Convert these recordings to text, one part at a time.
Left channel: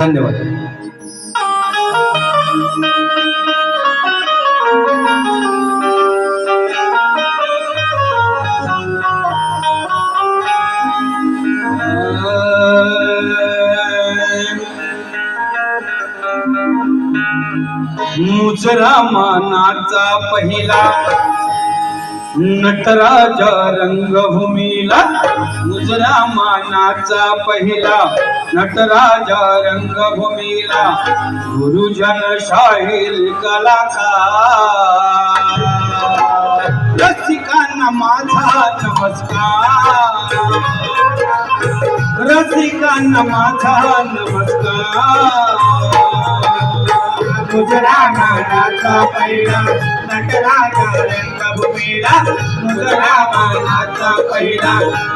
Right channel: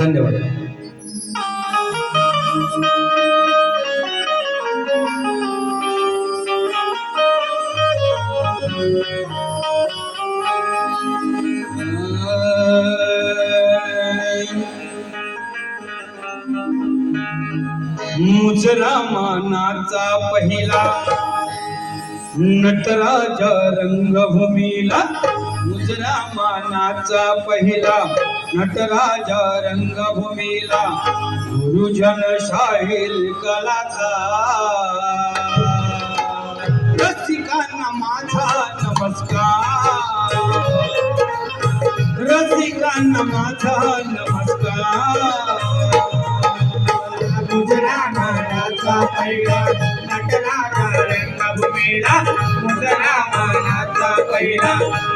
धन्यवाद. मुजरा मानाचा पहिला नटराज रंगभूमीला मुजरा मानाचा पहिला नटराज रंगभूमीला गुरुजन शाहीर कलाकार. रसिकांना माझा नमस्कार. रसिकांना माझा नमस्कार. मुजरा मानाचा पहिला रंगभूमीला मुजरा मानाचा पहिला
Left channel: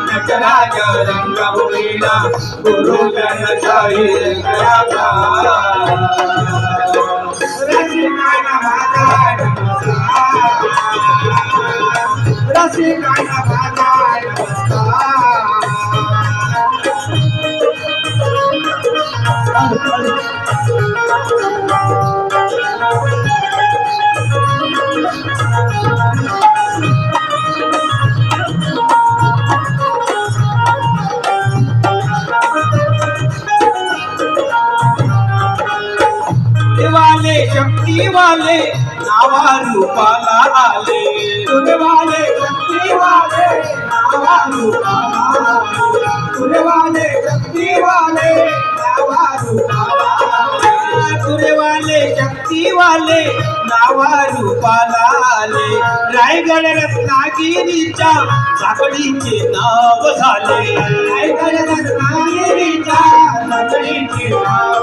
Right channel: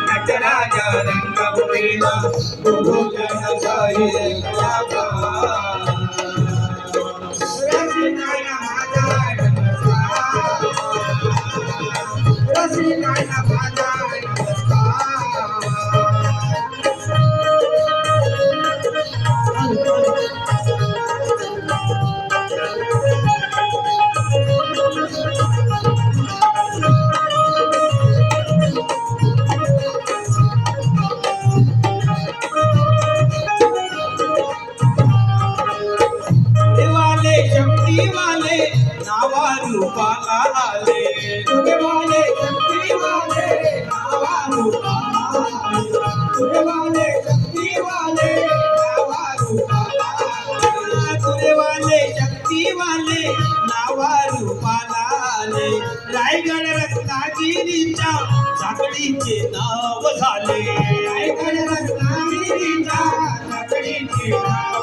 नटराजा रंगभूमीला गुरुजन शाहीर रसिकांना माझा नमस्कार. शक्तीवाले नावा रूपाला आले रायगड रत्नागिरीच्या साखळीचे नाव झाले. रायगड रत्नागिरीच्या साखळीचे नाव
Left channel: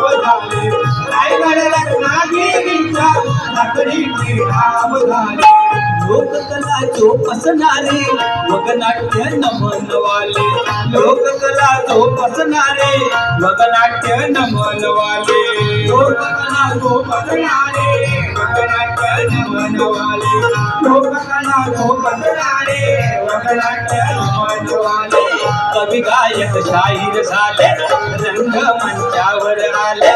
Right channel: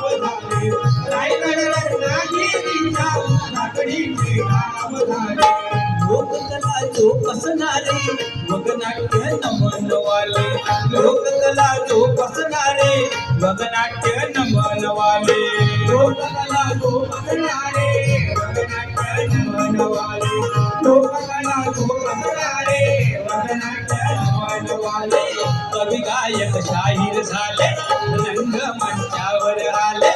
जोपासणारे लोकनाट्य नमनवाले. लोककला जोपासणारे लोकनाट्य नमनवाले. लोककला जोपासणारे लोकनाट्य नमनवाले. लोककला जोपासणारे लोकनाट्य नमनवाले. कवी गायक शाहीर झाले रंग मंचावर आले.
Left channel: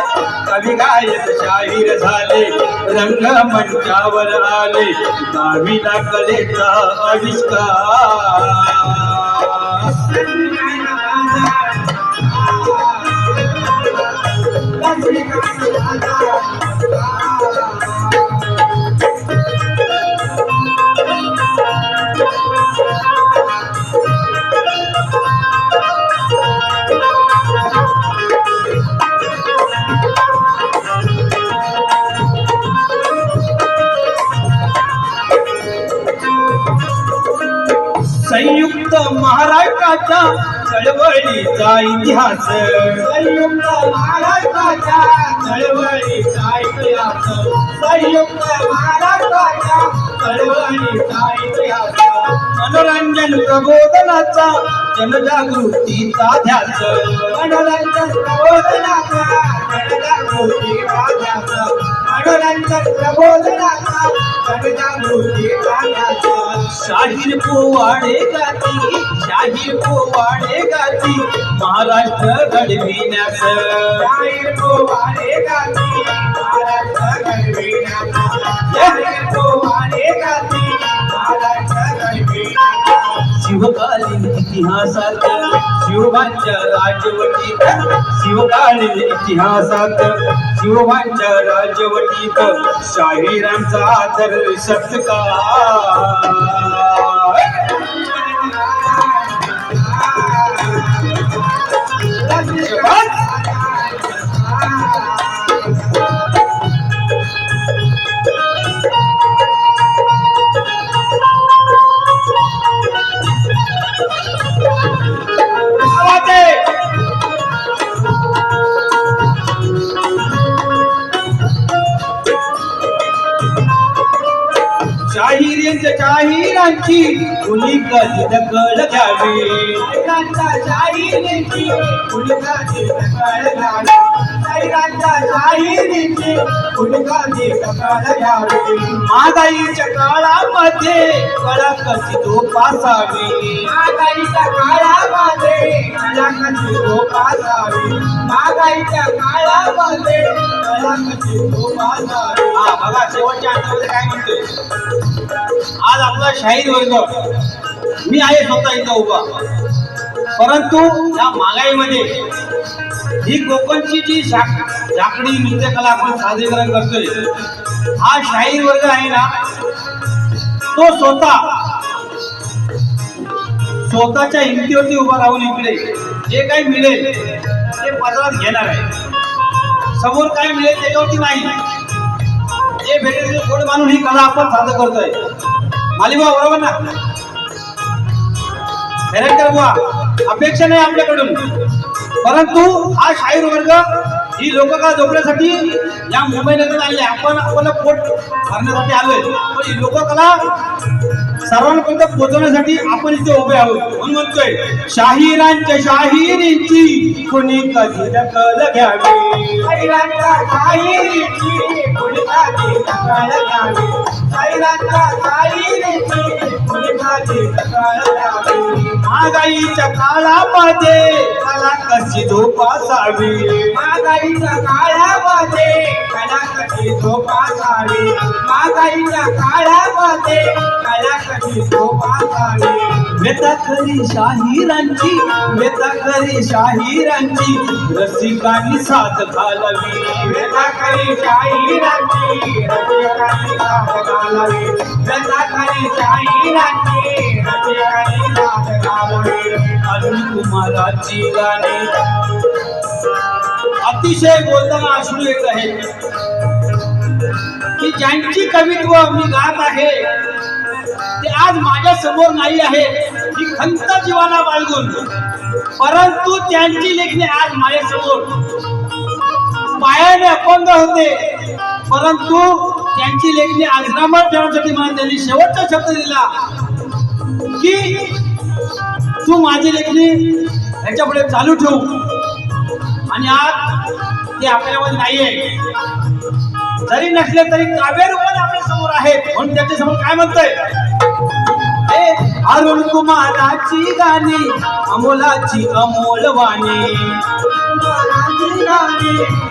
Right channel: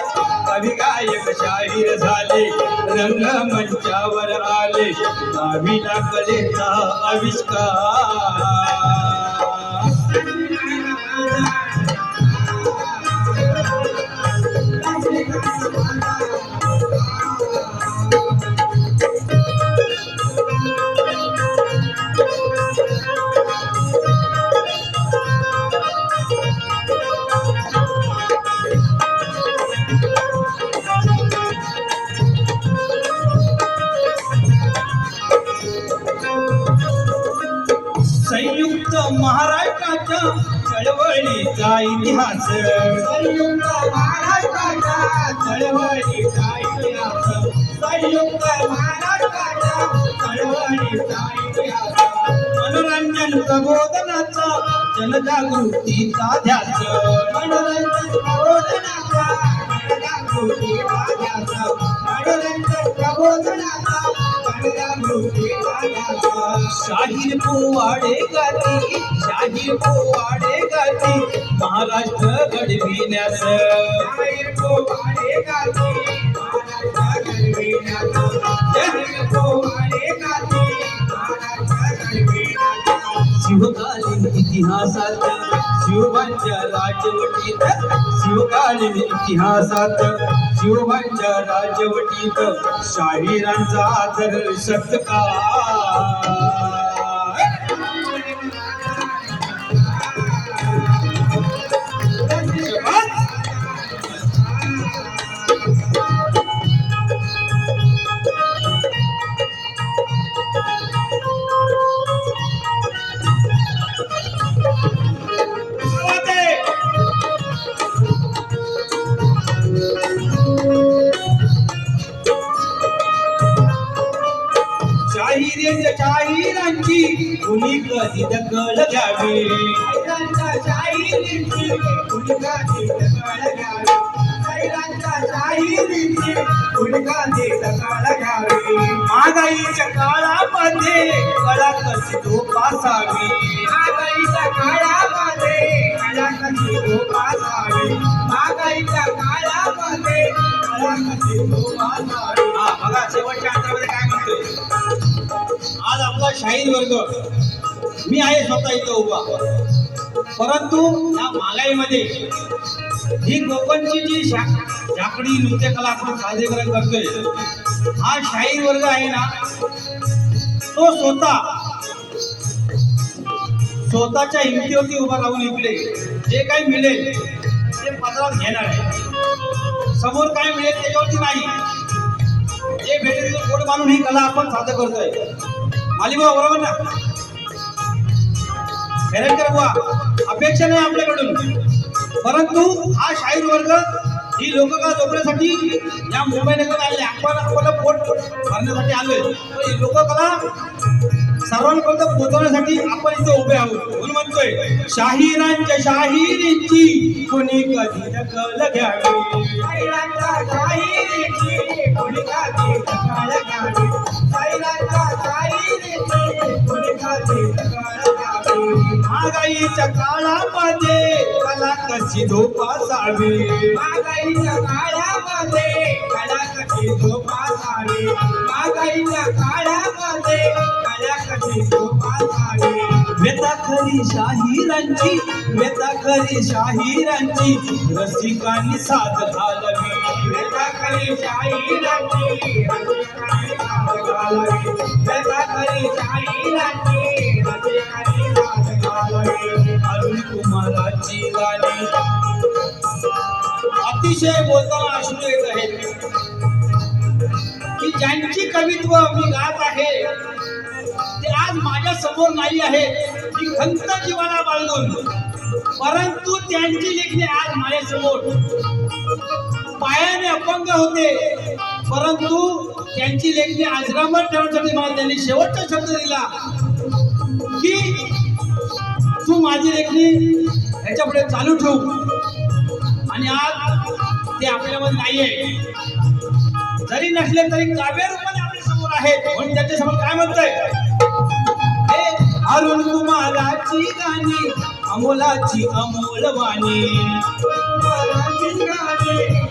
कवी गायक शाहीर झाले. रंग मंचावर आले. गावीला कलेचा आविष्कार. संयुक्त महाराष्ट्राच्या चळवळीचा इतिहास. संयुक्त महाराष्ट्राच्या चळवळीचा इतिहास. संयुक्त महाराष्ट्राच्या चळवळीचा इतिहास. मनोरंजन प्रबोधनाचा जनजागृतीचा ध्यास. मनोरंजन प्रबोधनाचा शाहीर पोवाडे गाती शाहीर पोवाडे गाती महाराष्ट्र घडविण्यास. शाहीर पोवाडे गाती महाराष्ट्र घडविण्यास. शिवकालीन इतिहासात. शिवबांच्या राजवटीत शिवकालीन इतिहासात. शिवबांच्या राजवटीत शाहिरांचा आदर सत्कार. कधी दखल घ्यावी? शाहिरींची कुणी कधी दखल घ्यावी. महागाईच्या काळामध्ये कला कशी जोपासावी? महागाईच्या काळामध्ये कला कशी जोपासावी? महागाईच्या काळामध्ये कळा कशी धोपासावी. हा बघा शेवटच्या अंतरामध्ये काय म्हणतोय? आज आपला शाहीर वर्ग मी आहे स्वतः इथं उभा. परंतु या महागाईमध्ये ही कोकणची जी झाकडी नृत्यकला आपण सादरीकरण करतोय हा शाहीर वर्ग आहे ना तो स्वतः स्वतःच्या हिमतीवरती उभा राहून इकडे जे काही मिळेल ते पदरात घेणार आहे. समोर काय मिळेल त्याच्यावरती नाही. जे भेटेल ते गोड मानून ही कला आपण सादर करतोय. मालिबा बरोबर ना? खरेकर बुवा अपेक्षा नाही आपल्याकडून. परंतु हा शाहीर वर्ग ही लोककला जोपण्यासाठी या मुंबई नगरात आले आपण आपलं पोट भरण्यासाठी आलोय. पण ही लोककला सर्वांपर्यंत पोहोचवण्यासाठी आपण इथे उभे आहोत. म्हणून म्हणतोय शाहिरांच्या शाहिरीची कुणी कधी दखल घ्यावी? शाहिरांच्या कधी दखल घ्यावी? शाहिरांच्या शाहिरींची कुणी कधी दखल घ्यावी? महागाईच्या काळामध्ये मला कशी जोपासावी महागाईच्या काळामध्ये मला कशी जोपासावी महागाईच्या काळामध्ये मला कशी जोपासावी व्यथा खरी शाहिरांची व्यथा खरी शाहिरांची रसिकांनी साथ घालावी. व्यथा खरी शाहिरांची रसिकांनी साथ घालावी. व्यथा खरी शाहिरांची कुमाराची गाणी अतिशय बोलताना अश्रू येत आहे की ज्यांची कवित्व मी गात आहे ते आज माझ्यासमोर नाही आहे ही खंत जीवाला बाळगून परंतु त्यांची लेखणी आज माझ्यासमोर. पायाने अपंग होते परंतु त्यांची लेखणी आश्रमात ठेवण्यासाठी मला त्यांनी शेवटचा शब्द दिला की तू माझी लेखणी ह्याच्यापुढे चालू ठेवू. आणि आज ते आपल्यामध्ये नाहीये. जरी नसले तरी काव्य रूपाने आपल्यासमोर आहे. म्हणून त्याच्यासमोर काय म्हणतोय? हे अरुण कुमाराची गाणी अमोलाची अमोल वाणी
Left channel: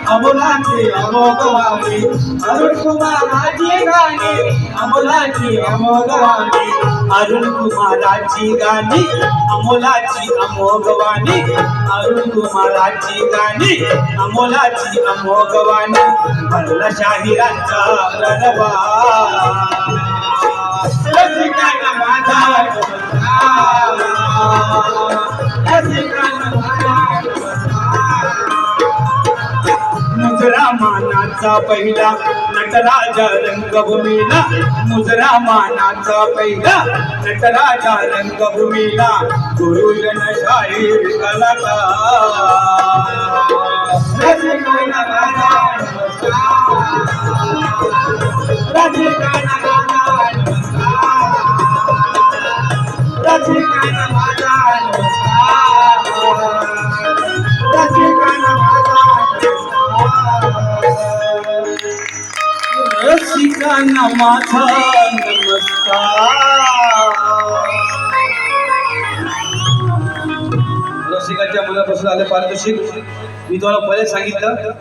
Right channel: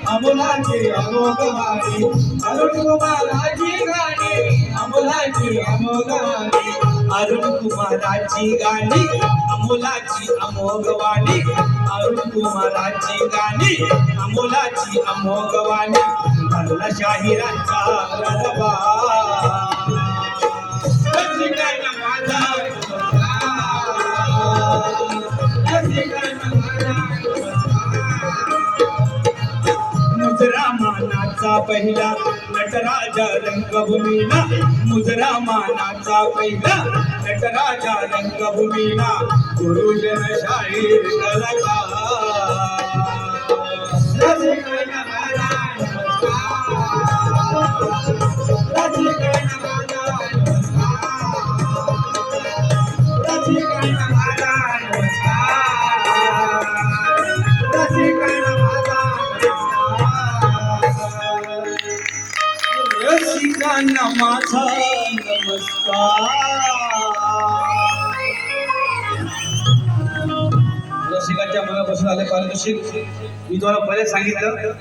अमोलाची अमोघ वाणी अरुण कुमाराची गाणी अमोलाची अमोघ वाणी अरुण कुमाराची गाणी अमोलाची अमोघ अरुण कुमाराची गाणी अमोलाची अमोघ वाणी भरला शाहिरांचा रडवा माझा मानाचा पहिला नटराजा रंगभूमीला मुजरा मानाचा पहिला नटराजा रंगभूमीला गुरुजन शाहीर कलाकार. त्यांना माझा नमस्कार रसिकांच्या मनापासून आले पारितोषिक. मी तुम्हाला पहिले सांगितलं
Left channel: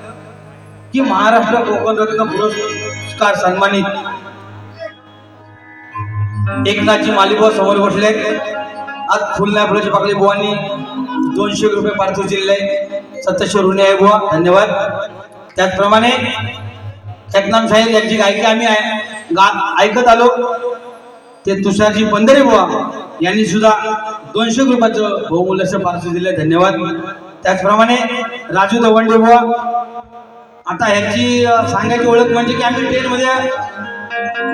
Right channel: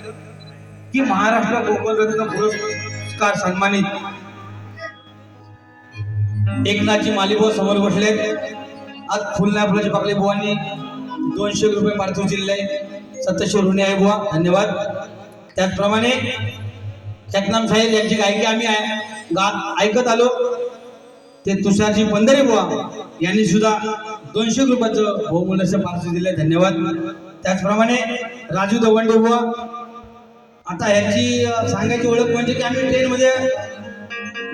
की महाराष्ट्र कोकण रत्न पुरस्कार सन्मानित. एकनाथजी मालिबा समोर बसले. आज फुलना फुलाची पाकळी बुवानी दोनशे रुपये पार्थिव जिल्हे सत्ताशे ऋणी आहे बुवा. धन्यवाद. त्याचप्रमाणे चकनाम साहेब यांची गायकी आम्ही गा ऐकत आलो. ते तुषारजी पंधरे बुवा यांनी सुद्धा दोनशे रुपयाचं बहुमूल्याचं पार्श्व दिलं. धन्यवाद. त्याचप्रमाणे राजू दवंडे बुवा आता ह्यांची सांगायची ओळख म्हणजे की आम्ही ट्रेनमध्ये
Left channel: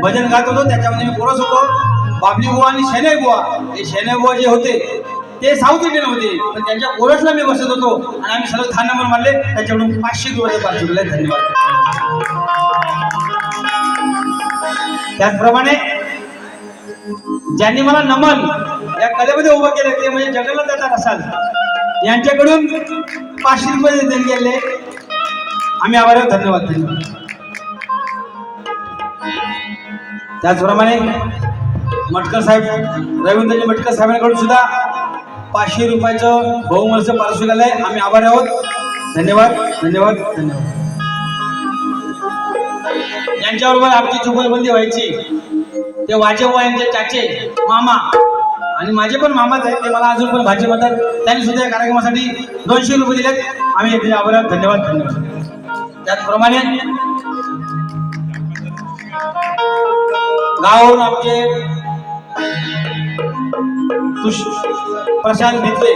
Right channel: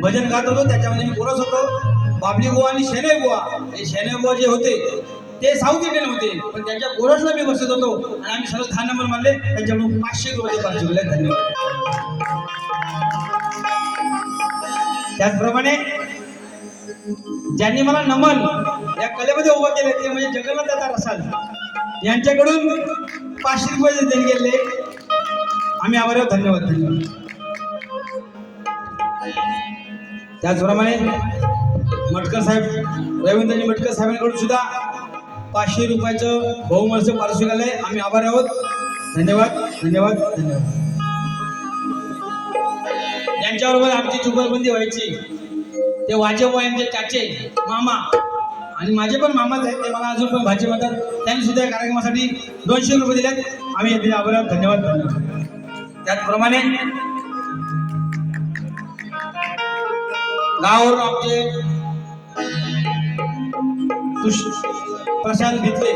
भजन गात होतो. त्याच्यामध्ये मी पुरस होतो. बाबली बुवा आणि शेने बुवा हे शेने बुवा जे होते ते साऊथ इंडियन होते. पण त्यांच्या कोरसला मी बसत होतो. आणि आम्ही सलग दहा नंबर मारले त्याच्याकडून पाचशे रुपयाचं पाचशे दिले. धन्यवाद. त्याचप्रमाणे ज्यांनी मला नमन या कलेमध्ये उभं केलं ते म्हणजे जगन्नाथ दादा रसाल. यांच्याकडून पाचशे रुपये देणगी गेले आम्ही आभार आहोत. धन्यवाद. धन्यवाद त्याचप्रमाणे मटकर साहेब रवींद्रजी मटकर साहेबांकडून सुद्धा पाचशे रुपयाचं बहुमलचं पारितोषिक आलंय. आम्ही आभार आहोत. धन्यवाद. धन्यवाद. धन्यवाद. यांच्याबरोबर आमची जुगलबंदी व्हायची. ते वाजेबा यांचे चाचे मामा आणि माझे पण मामाच आहेत. ते मला अजून पण भाजी म्हणतात त्यांनी सुद्धा या कार्यक्रमासाठी दोनशे रुपये दिलेत. आम्ही येथे आभार धन्यवाद धन्यवाद. त्याचप्रमाणे गावावरून आमचे प्रशांत भित्रे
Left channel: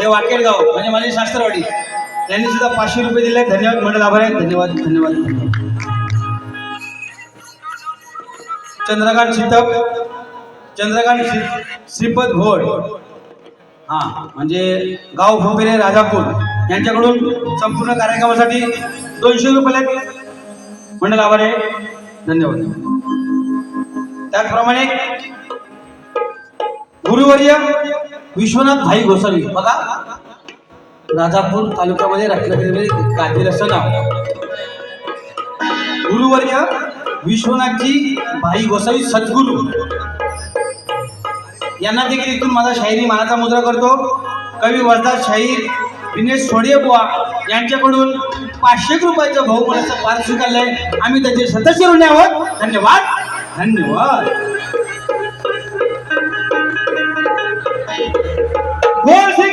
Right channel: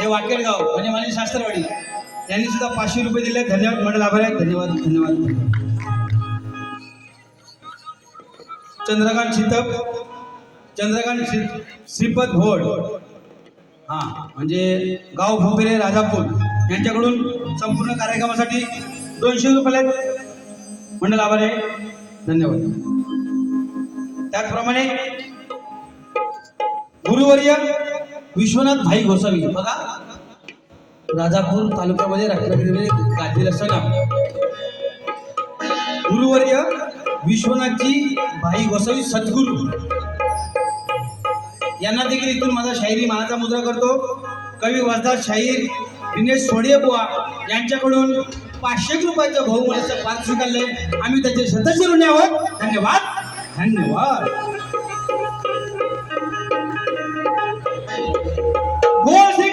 हे वाकेड गाव म्हणजे माझे शास्त्रवाडी त्यांनी सुद्धा पाचशे रुपये दिले धन्यवाद. म्हणत आभार आहेत. धन्यवाद धन्यवाद धन्यवाद. चंद्रकांत शितप चंद्रकांत श्रीपद भोड हा म्हणजे गाव भोपेरे राजापूर यांच्याकडून संपूर्ण कार्यक्रमासाठी दोनशे रुपये मंडळ आभार आहे धन्यवाद त्याचप्रमाणे गुरुवर्य विश्वनाथ भाई गोसावी बघा राजापूर तालुक्यामध्ये रत्नागिरीमध्ये गाठील असं नाव गुरुवर्य विश्वनाथजी भाई गोसावी सद्गुरू. यांना देखील इथून माझा शाहिरी मानाचा मुद्रा करतो. कवी वर्धा शाहीर दिनेश सोडिये बुवा यांच्याकडून पाचशे रुपयाचं बहुमानाचं पार स्वीकारलंय. आम्ही त्याचे सदस्य ऋणी आहोत. धन्यवाद. धन्यवाद. गोल श्री